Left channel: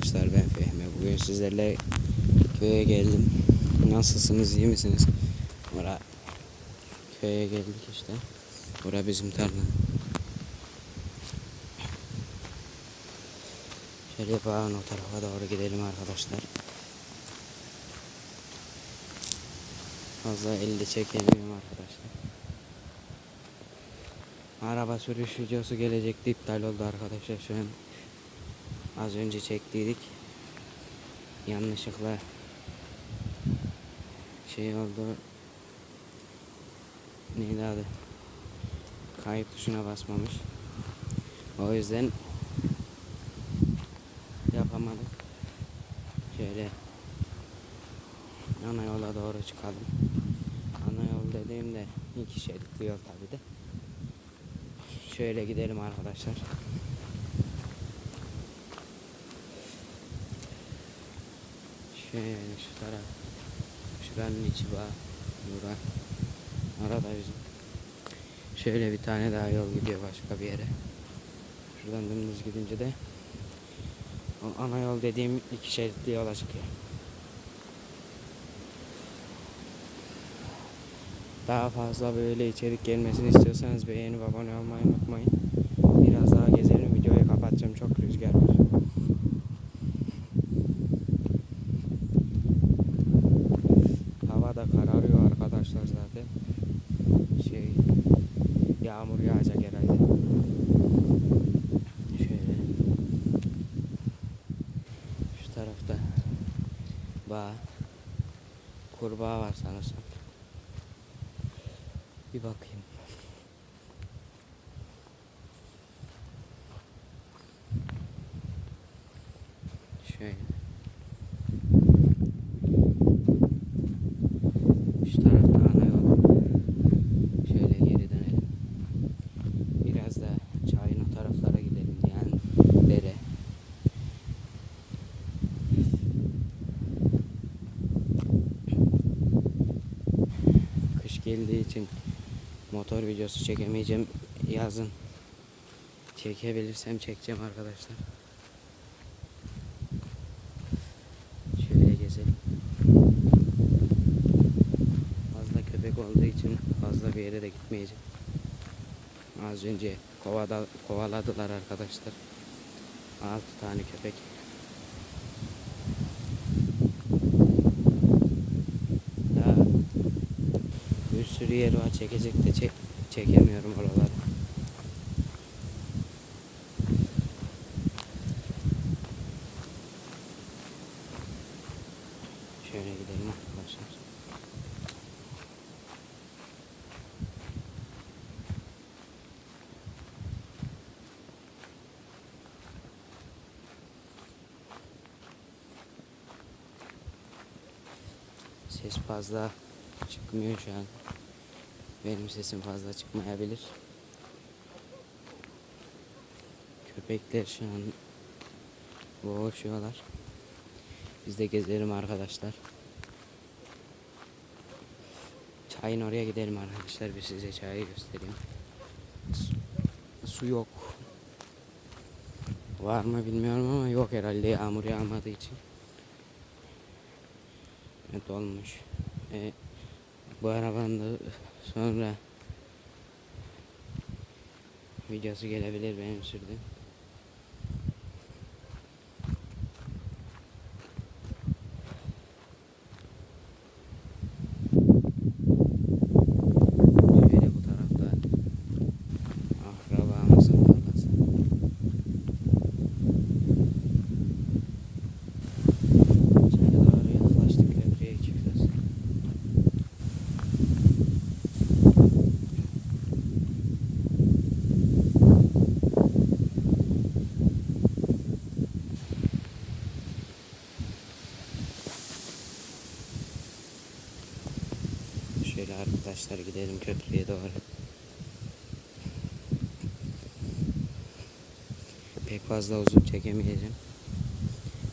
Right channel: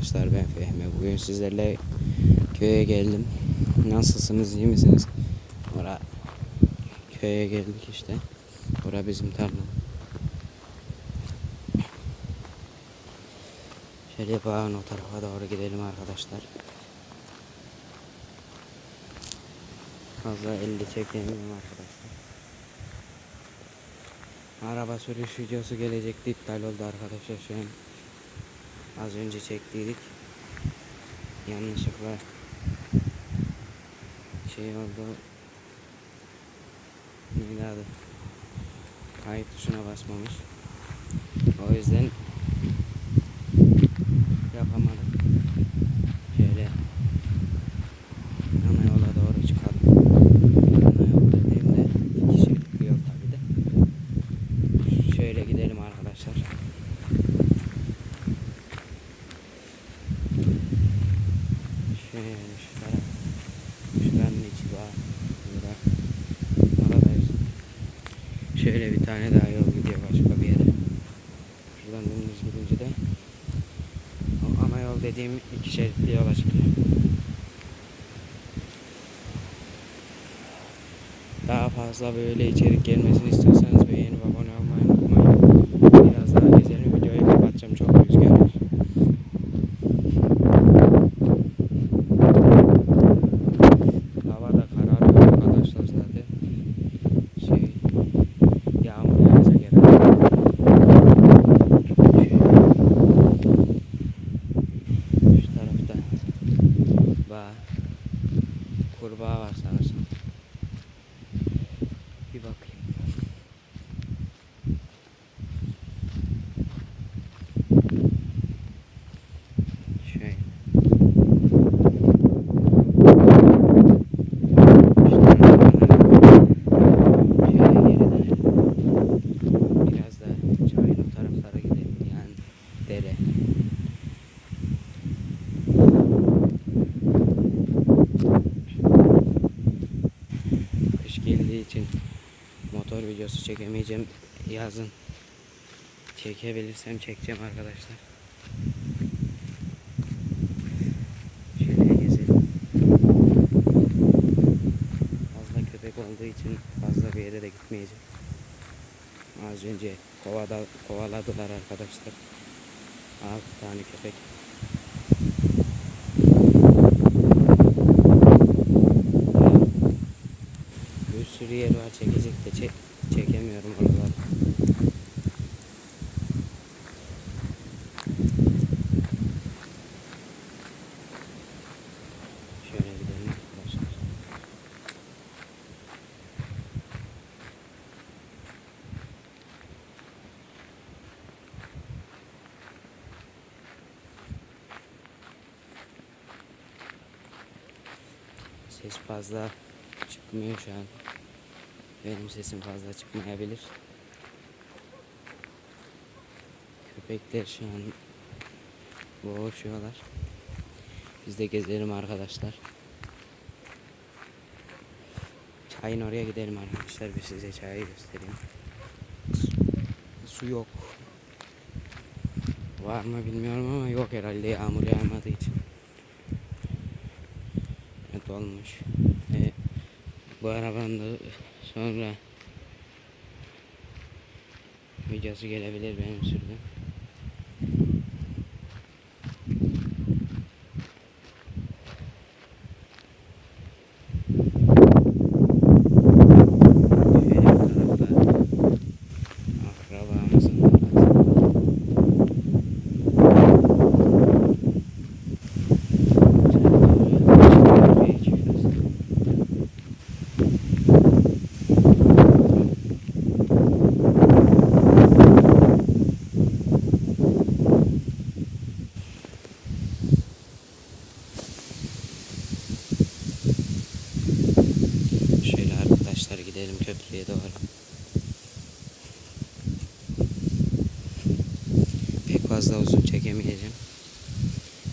arkadaşlar ben Fehmi. Bugün sizlerle köye geldim. Nasılsınız iyi misiniz? Ora köye geldik işte. Ora bizim tarla. Şöyle yapalım o tarafa doğru gidelim arkadaşlar. Fazla elde çekemiyorum arkadaşlar. Araba sürüş videosu gelecekti iptal oldu arkadaşlar şu an. Az önce çektiydik. Yanlışlıkla şey oldu. Neydi adı? Kayıt tuşuna basmamış. O yüzden yapamadık. Şöyle ana yola doğru çıkalım. Ana yol dediğimde bir kişilik yol tabi de. Şöyle gidelim arkadaşlar. Şöyle şu taraf. Şuranın içi var. Bura. Oradayız. Şöyle bir tane daha yol gidiyor başka bir yere. Şuradan dümdüz gidince de o ana yol dediğim iki şeritli yola çıkıyor. Daha fazla böyle içerik gelmesini istiyorsanız beğenip abone olmayı unutmayın. Biraz daha gezelim videoyu kapatacağım çok rüzgar var. Hava da kararıyor arkadaşlar zaten. Şey yağmur yağacak herhalde. Şöyle. Şu tarafta bağ kurbağa var sanırsam. Bir bakayım. Şöyle. İşte arabalar. Şöyle geri dönelim. Biraz da çayın o taraflara gidelim yani dere. Kış geldiği için motor videosu çekemeyeceğim. Yazın çekebilirsem çekeceğim arkadaşlar. Şöyle gezelim. Fazla köpek olduğu için fazla bir yere de gitmeyeceğim. Az önce kovada, kovaladılar arkadaşlar. 6 tane köpek. Bir sürü yer var çekecek de çek, çekemiyorum oraları. Şöyle gidelim arkadaşlar. Ses fazla çıkmıyor şu an. Benim sesim fazla çıkmayabilir. Köpekler şu an boğuşuyorlar. Biz de gezelim arkadaşlar. Çayın oraya gidelim arkadaşlar. Bir size çayı göstereyim. Su yok. Var mı bilmiyorum ama yok herhalde yağmur yağmadığı için. Evet olmuş. E, bu arabanın da sonra videosu gelebilir benim sürdüğüm. Şöyle bir tarafta akrabamızın orası. Şöyle doğru yaklaşık bir iki şurası. Şöyle arkadaşlar gidelim köprüye doğru. Pek fazla uzun çekemeyeceğim.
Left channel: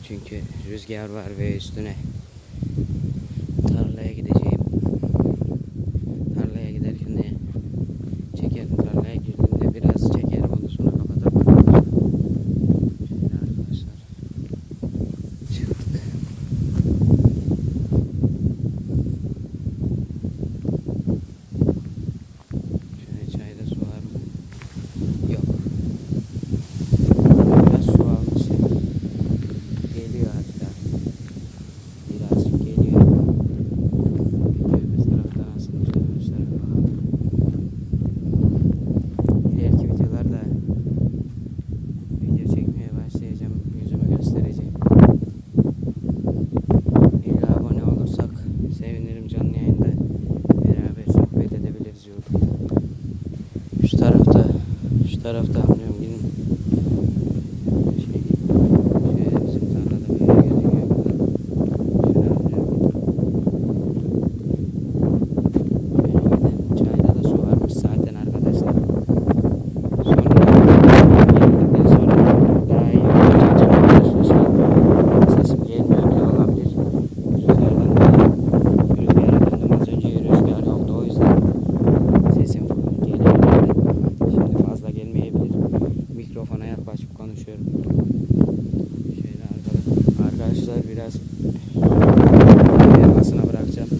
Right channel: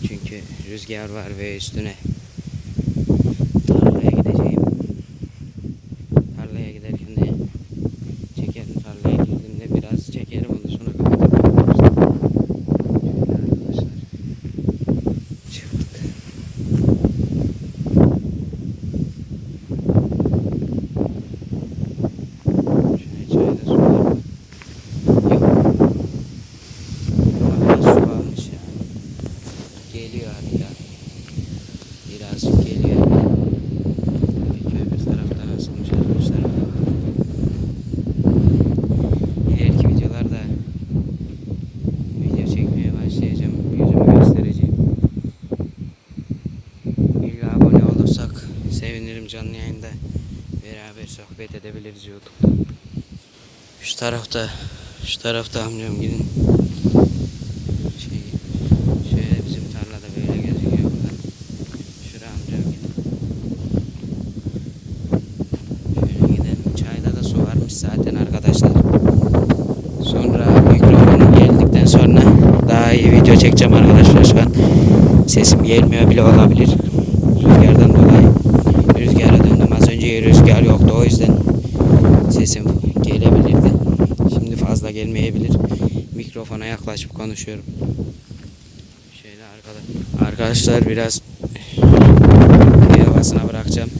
Çünkü rüzgar var ve üstüne izliyorduk. Şu tarafta, şu tarafta hamlıyorum gidin. Sesim gelebilirdi. Şimdi fazla gelmeyebilir. Mikrofona yaklaşıp konuşuyorum. Şöyle arkada. Arkadaşlar biraz havasına bırakacağım.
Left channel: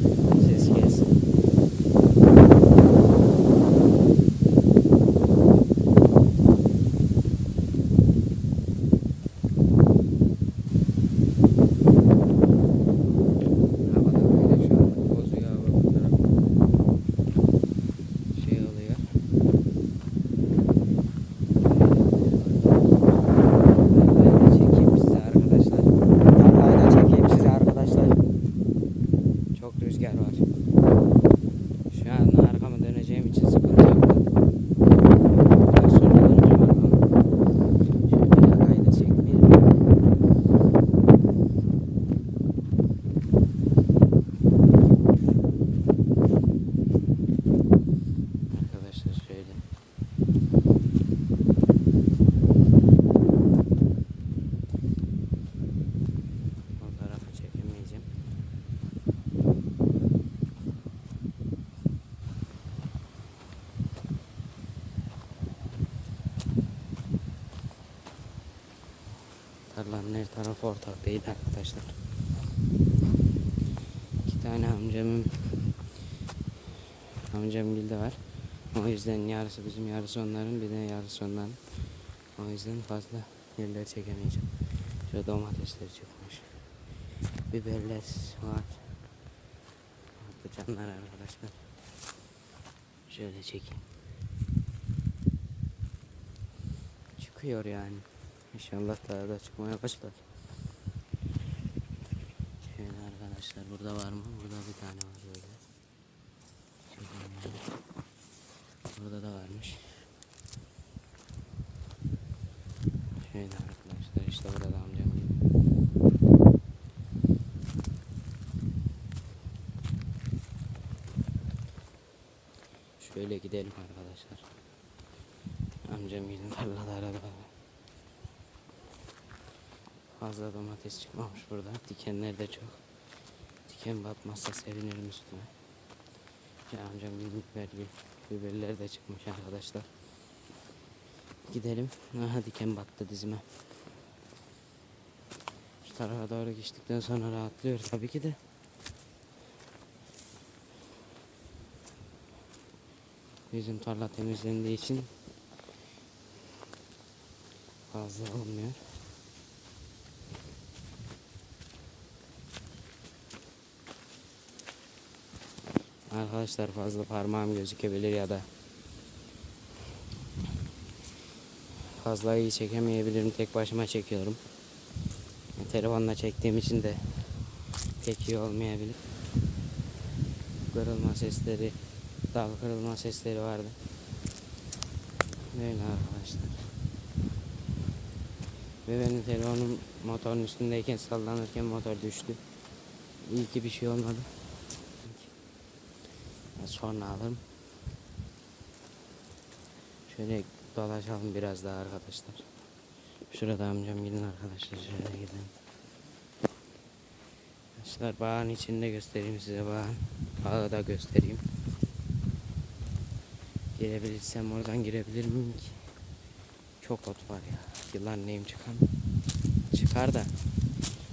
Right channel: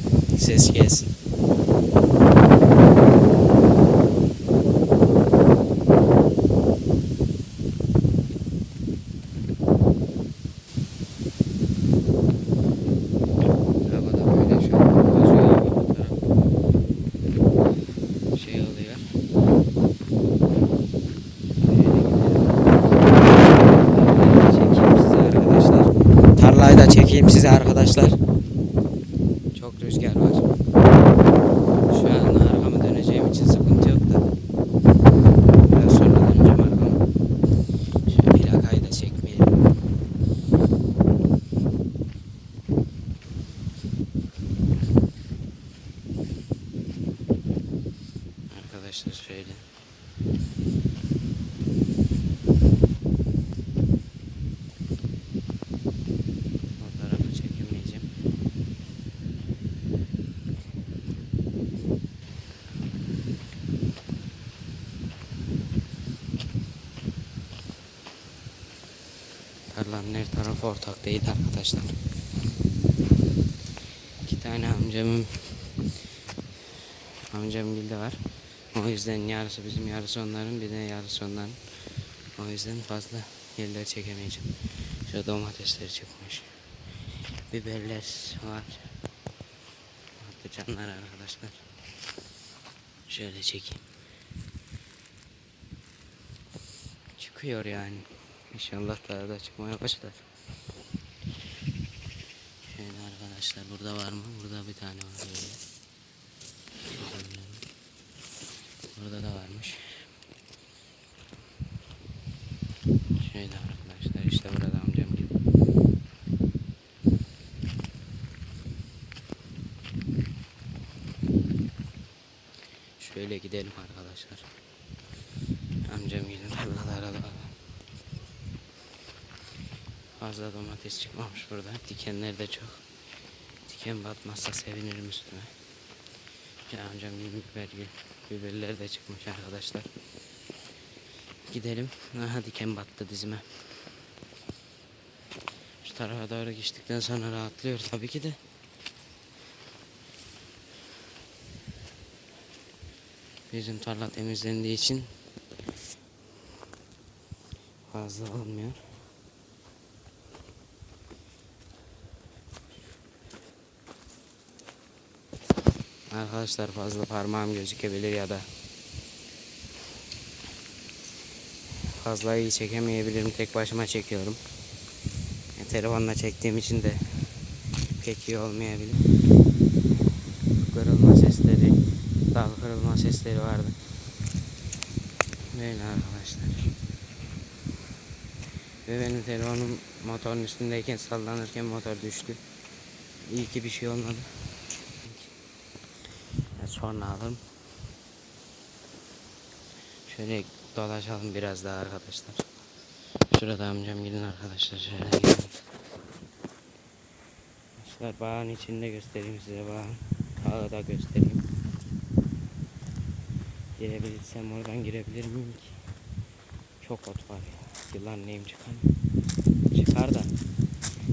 Ses gelsin. Arkadaşlar. Tarlanın her tarafı ortak değil arkadaşlar. İki tane amcamın amcam gilde var. O yüzden yarısı bizim yarısı onların bir de yarısı onların. O yüzden fazla yerler çekemeyeceğim. Şu domatesler çıkmış. Biberler var. Patlıcanlar arkadaşlar. Şöyle çekeyim. Çıkıyor yani. İnşallah daha da çıkmaya başlar. Şöyle arkadaşlar burada var mı? Burada bir tane var böyle. Burada da varmış. Şöyle arkadaşlar işte burada amcam gibi. Şöyle gidelim arkadaşlar. Amcam gibi tarlalara da fazla domates çıkmamış burada. Dikenler de çok. Diken batmazsa sevinirim üstüme. Ya amcam biber gibi. Biberler de çıkmış arkadaşlar. Gidelim. Aha diken battı dizime. Şu tarafa doğru geçtikten sonra rahatlıyor tabii ki de. Bizim tarla temizlendiği için fazla olmuyor. Arkadaşlar fazla parmağım gözükebilir ya da fazla iyi çekemeyebilirim. Tek başıma çekiyorum. E, telefonla çektiğim için de pek iyi olmayabilir. Kırılma sesleri, dal kırılma sesleri vardı. Böyle arkadaşlar. Ve benim telefonum motorun üstündeyken sallanırken motor düştü. İyi ki bir şey olmadı. Sonra alırım. Şöyle dolaşalım biraz daha arkadaşlar. Şurada amcam gidin arkadaşlar şöyle gidelim. Arkadaşlar bağın içinde göstereyim size bağın. Daha da göstereyim. Girebilirsem oradan girebilir miyim ki? Çok ot var ya. Yılan neyim çıkan? Çıkar da.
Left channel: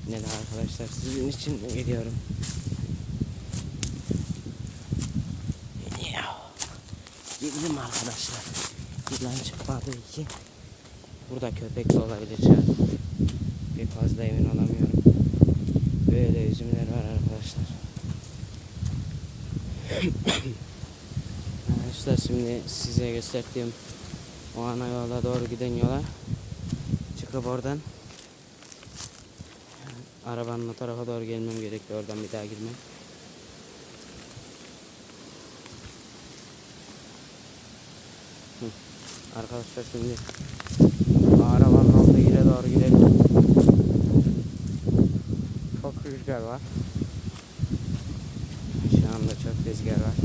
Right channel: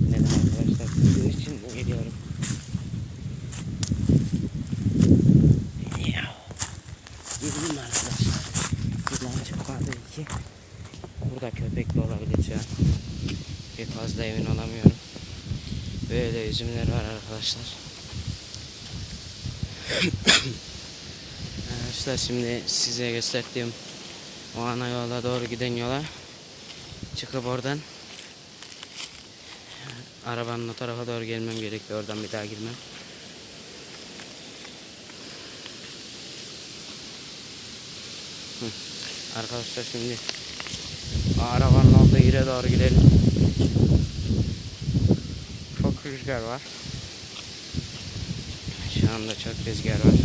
Yine de arkadaşlar sizin için de gidiyorum. Ya. Gidelim arkadaşlar. Yılan çıkmadı ki. Burada köpek de olabilir an. Bir fazla emin olamıyorum. Böyle üzümler var arkadaşlar. arkadaşlar şimdi size gösterdiğim o ana yola doğru giden yola çıkıp oradan arabanın o tarafa doğru gelmem gerekiyor. Oradan bir daha girmem. Arkadaşlar şimdi arabanın olduğu yere doğru gidelim. Çok rüzgar var. Şu anda çok rüzgar var.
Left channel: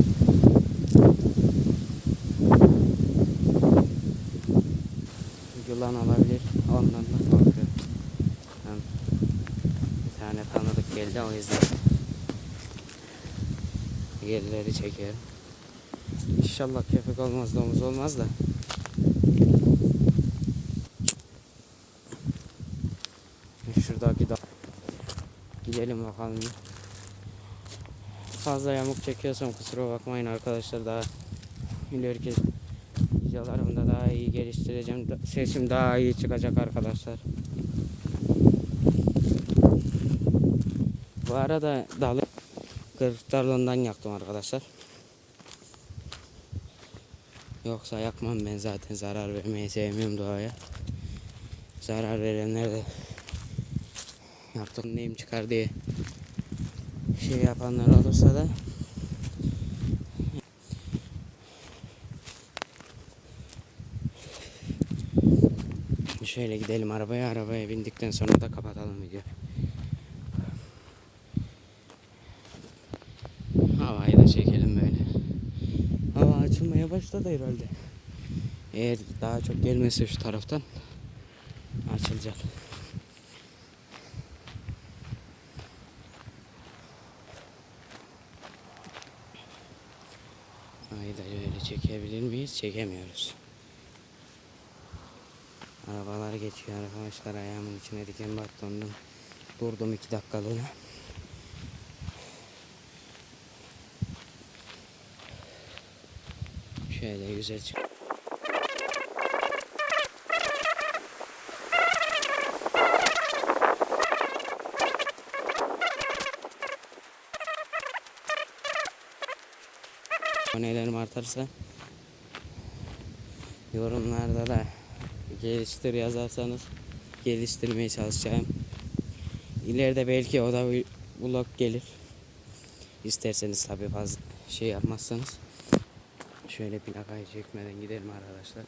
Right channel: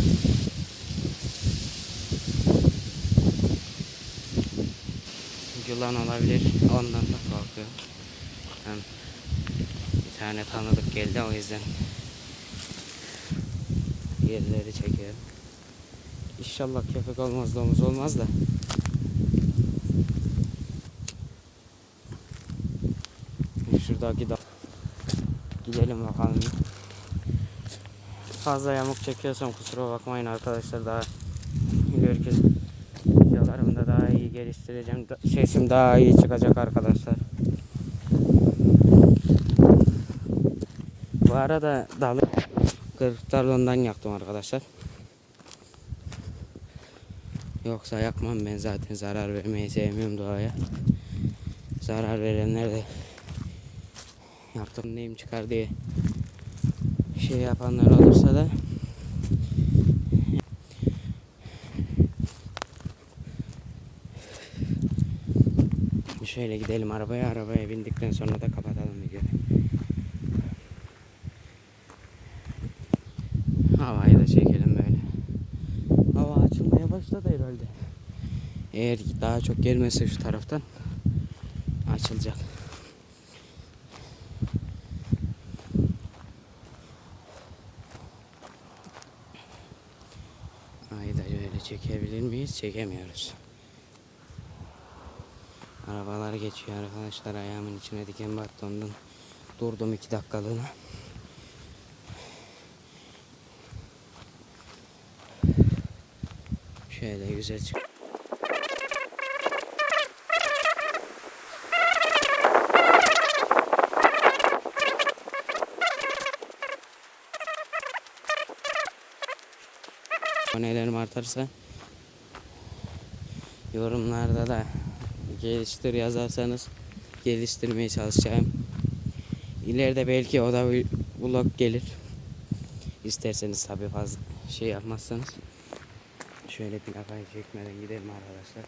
Yılan olabilir. Ondan da korkuyorum. Bir tane tanıdık geldi o yüzden gerileri çekiyorum. İnşallah köpek olmaz domuz olmaz da. Şuradaki da gidelim bakalım. Fazla yamuk çekiyorsam kusura bakmayın arkadaşlar daha ileriki videolarımda daha iyi geliştireceğim. Sesim daha iyi çıkacak arkadaşlar. Bu arada dalı kırıklarından yaktım arkadaşlar. Yoksa yakmam ben zaten zarar vermeyi sevmiyorum doğaya. Zarar verenler de yaktım neyim çıkar diye şey yapanlar olursa da Şöyle gidelim arabaya. Arabaya bindikten sonra da kapatalım videoyu. Havayı da çekelim böyle. Hava açılmaya başladı herhalde. Eğer daha çok gelmezse şu taraftan açılacak. Ayı da böyle çekebilir miyiz? Çekemiyoruz. Arabalar geçiyor arkadaşlar. Ayağımın içine diken battı ondan durdum iki dakikalığına. Şöyle güzel çık. Artarsa yorumlarda da geliştir yazarsanız geliştirmeye çalışacağım. İleride belki o da bir vlog gelir. İsterseniz tabii fazla şey yapmazsanız. Şöyle plakayı çekmeden gidelim arkadaşlar.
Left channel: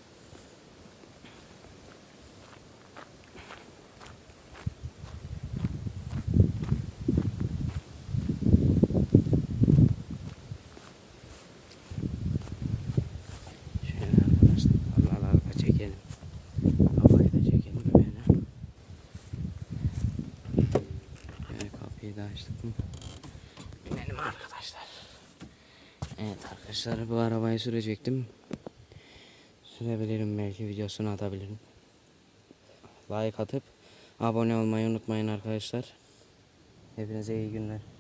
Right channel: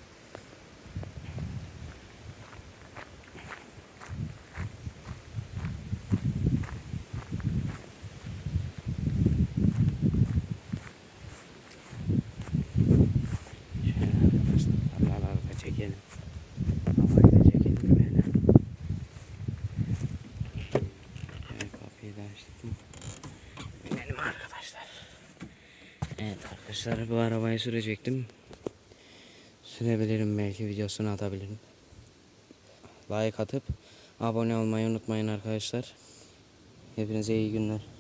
Şöyle arkadaşlar tarlaları da çekelim. Havayı da çekelim böyle. Şöyle kapıyı da açtık mı? Binelim arkadaşlar. Evet arkadaşlar bu arabayı sürecektim. Sürebilirim belki videosunu atabilirim. Like atıp abone olmayı unutmayın arkadaşlar. Hepinize iyi günler.